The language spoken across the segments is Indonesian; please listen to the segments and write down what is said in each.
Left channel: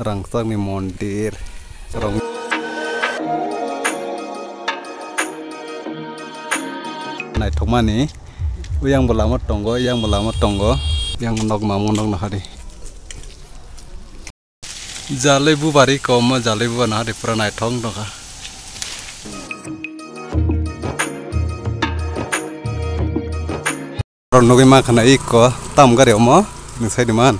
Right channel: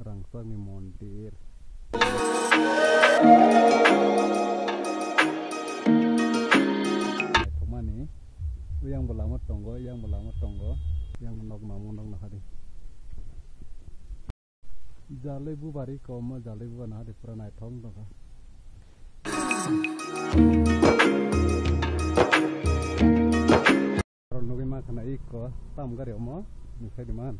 rangsang ni mondir. Nai thoma ni uyang belamat tonggo, yang nok mamung nok nahari. Jalai bu bari koma jalai bu nahari pura nai thong doka. Ron nogi makana iko tam gari omo nisai diman.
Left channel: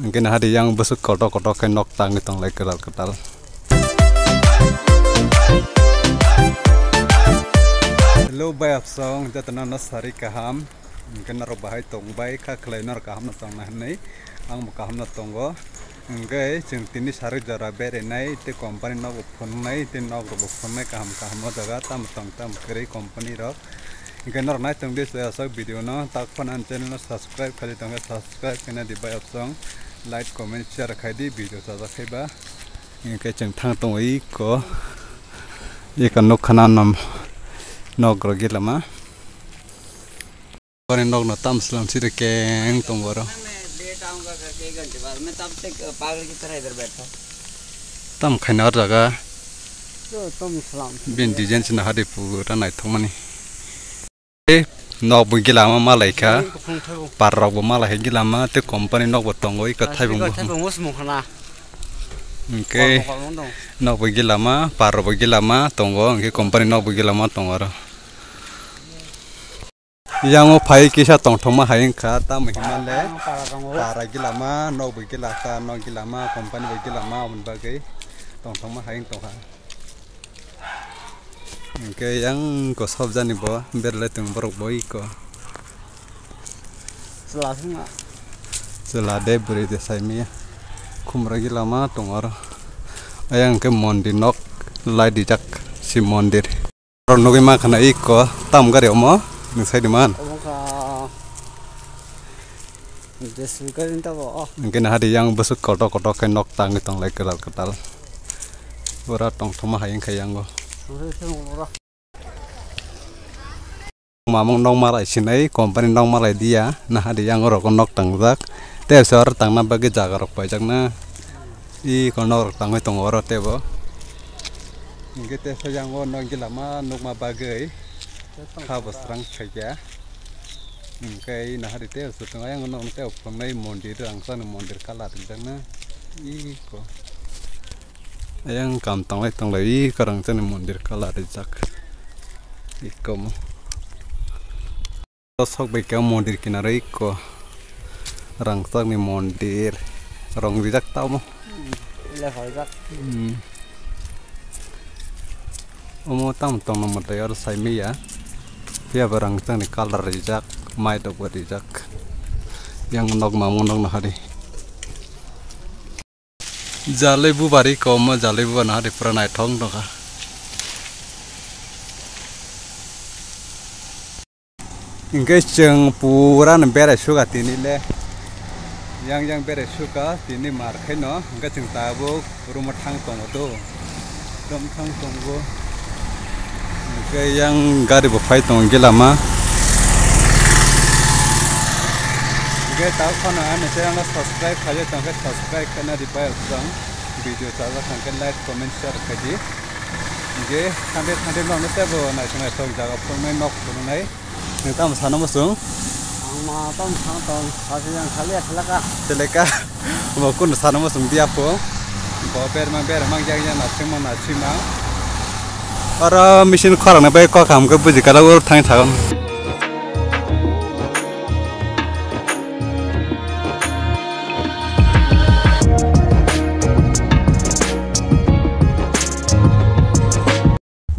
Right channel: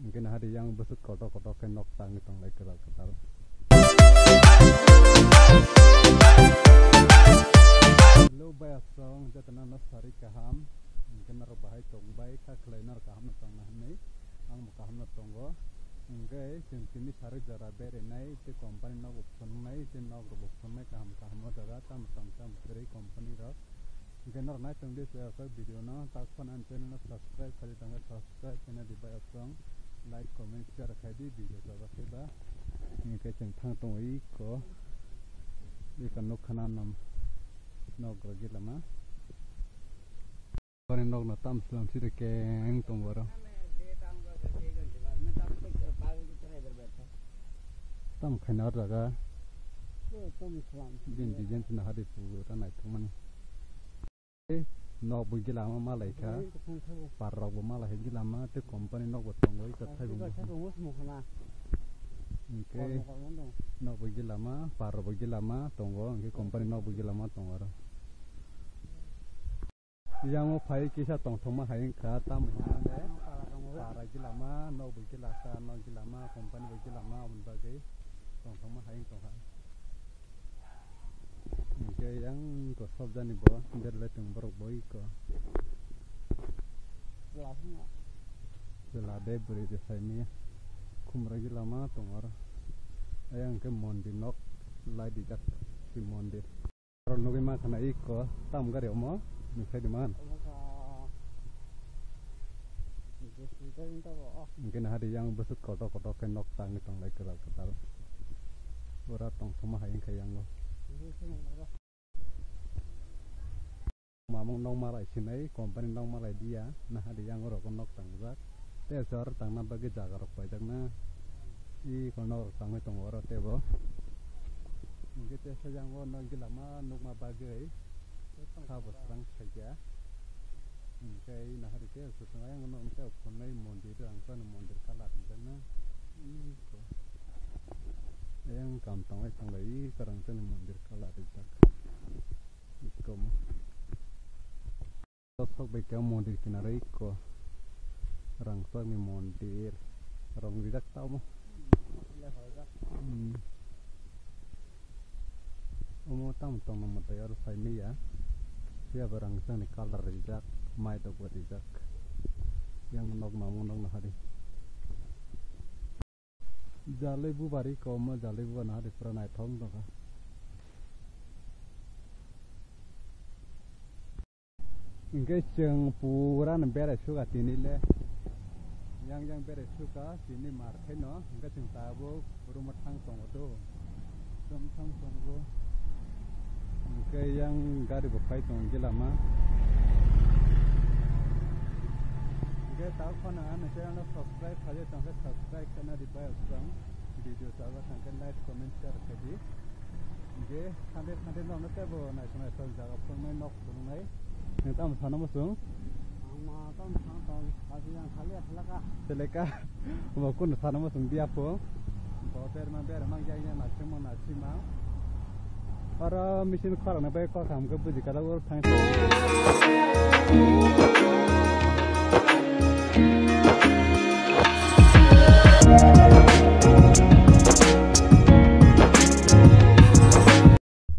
Mungkin hari yang besuk kotok ke nok tang itong lagi ketal. Hello bay song jatana nasari kaham mungkin naro bahai tong bay ka kleiner kaham na tong nahnai ang kaham na tonggo ngai jeng tini sari jara bere nai te company nok phone nai te nok ro phone nai kaham no jaga tam kere company ro ngai nor nai tong dis sa video no tak phan an channel no subscribe khali tong subscribe kena di bay song like comment share khai di video sa ja khaiba ngai jeng thang tong ei ko ye kan nok khana nam nok rogi lama panen nok na tam slam sire keng tong boro tam khainar jaga bin design sina hadi pura nai thomani nok bu gilama malai kha parrok bu malai gilama te company nok bu tongoi ka thai bu okay nok bu gilama parrok bu gilama tongo ke company nok bu gilama tongoro yang mau pai kisah tong thoma haing kha ta mahimale para gilama no bugilaka no gilama company bugilama mun bagai tong thoma haing tong ha ke yang ko sob jani bo berle tung borok boi ko selade beri desai mi khumra gilama tongor ayang ke mondir nok lai dijak si mondir ron nogi makana iko tam gari omo nisai diman. Mungkin hari yang besuk kotok ke nok tang itong lagi ketal. Ora tong thoma hayang khayang go. Mamung nong malai sinai company nong malai dia nah hari yang ora nok tang jak. Te sor tang na bagi jaga rok pajak na. I konor tang itong ora tebo. Mungkin te sayang go nong gilama nok ma bagai. Habis terang saja, mungkin nah hari itu setengah yang orang itu pernah mondir angsa mondir kalah di sana, iko, yang kantong lagi karang sana mondir kalah di jak, iko mo, sok baik mondir kinar iko, rangsa ni mondir, rong di jak tau mo, omo tam tong nomor tayar saya mi ya. Dia barang tang ni color rijak mai dok rijak yang nok mamung nok nahari jalai bu bari koma jalai bu nahari pura nai thong doka ingke jeng pura bere suka tini le yang bere suka tini marke no ingke jeng tabu rumah thang tong do rom thang tong go yang gari bafai tong gilama ge tahu kan ane saya nggak subscribe aja tangke subscribe karena di bawah sang video saya tangke like comment share kaji ge sampai mau nasi bo naik tong jaga pun nok pun naik kita masana masung ama tong kasih yang kali seleka mau kun sana masung dia po bawa ber mang jangan nasi mang Orang mesin korang na baik kok kamu kebuji kalau urut tang tang.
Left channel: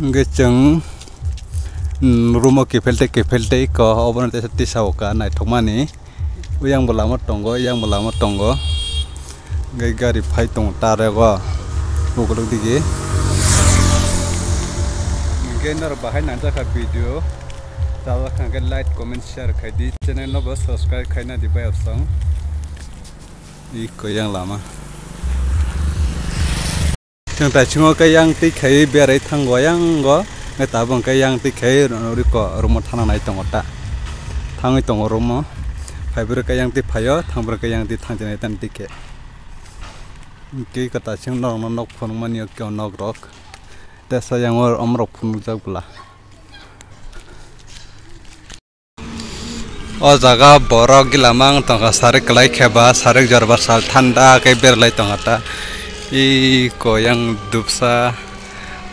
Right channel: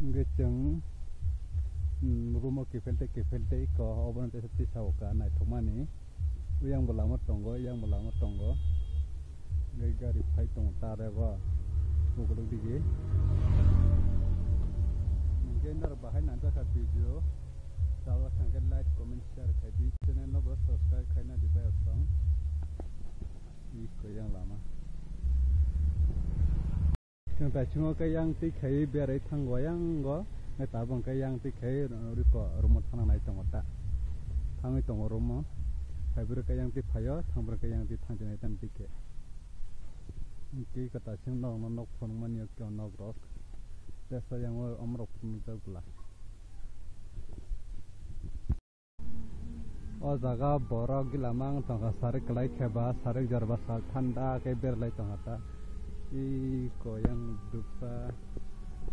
Ngeceng rumah kepelte ko obat nanti tisau kan naik thomani yang belamat tonggo gari phai tong tare go bukuluk digi Kenar bahan nanti ke video, tahu kan like, comment, share di channel no bos subscribe kena di bawah song, iko yang lama. Yang tak cuma ke yang tikai biar itang goyang go, ngetabung ke yang tikai riko rumah tanah naik tong otak, tangi tong rumah, Fiber ka yang ti phayo thangber ka yang ti thangjani tan tike ki kata sing nok phon mani kyo nok rok ta sa yang or amrok phun jak bula o jaga borok gilamang tongka sarik kelai kheba sarik jarba sal thanda kai berlai tongata I ko yang dupsa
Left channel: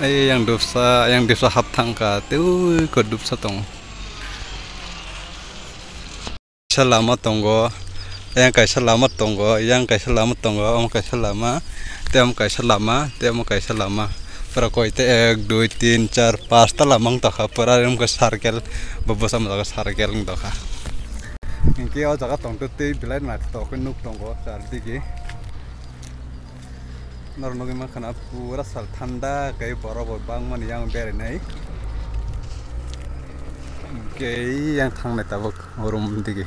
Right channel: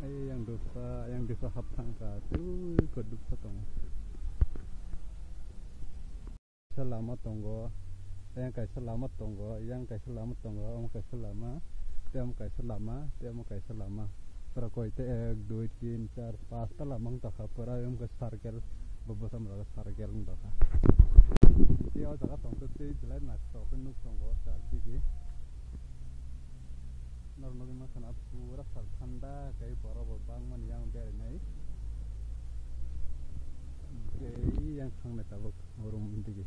yang dupsa hapthangka teu ko dupsa tong selama tonggo yang kaisa lama tonggo yang kaisa lama tonggo om kaisa lama tem kaisa lama para koite 1 2 3 4 5 ta lamang taka para ram ka sarkel babosam ka sarkel ngdoka ingki o jaga tongto te bilai na to ko nuk tonggo sar digi nornogi ma khana pura sal thanda kai borobo bangman yang bere nai ke yang thang na tabok orum digi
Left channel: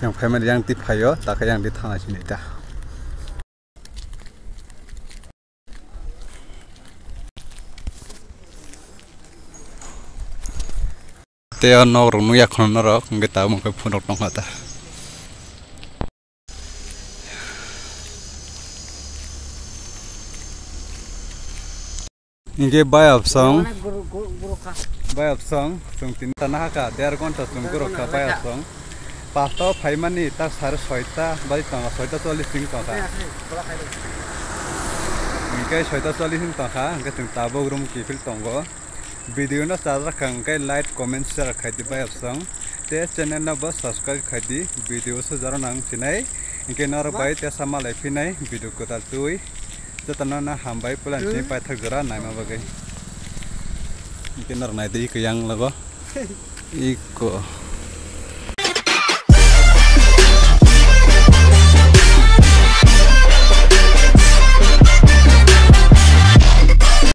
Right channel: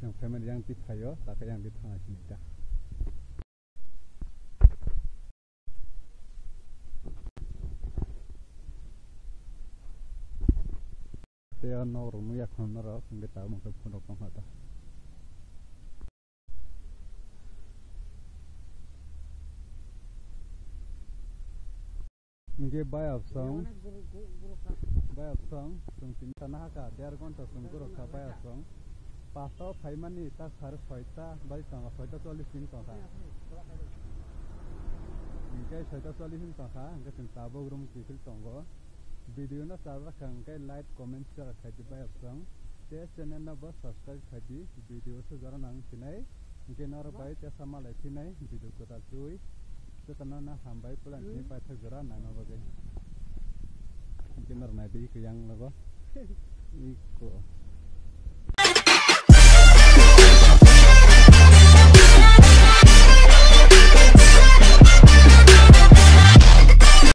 yang family yang ti phayo taka yang di thang asini ta te no runu ya khon ro ngeta mo ko phun rok ngata inge bay of song tung tin tanah ka der gonta tung guru ka bay of song pasto phaimani ta sar soita bari tanga soita 40 sing taka inge soita 40 sing taka inge tung tabo rum ki fil tongo video na sadra kangkai like comment share khai di bay of song te channel na bas subscribe khai di video so jaro nang sinai inge nar bay te sama lai finai video ko tal tui jatana na hambai pulan ni pai thak jara naima bagai inge nar nai dei ke yang lago iko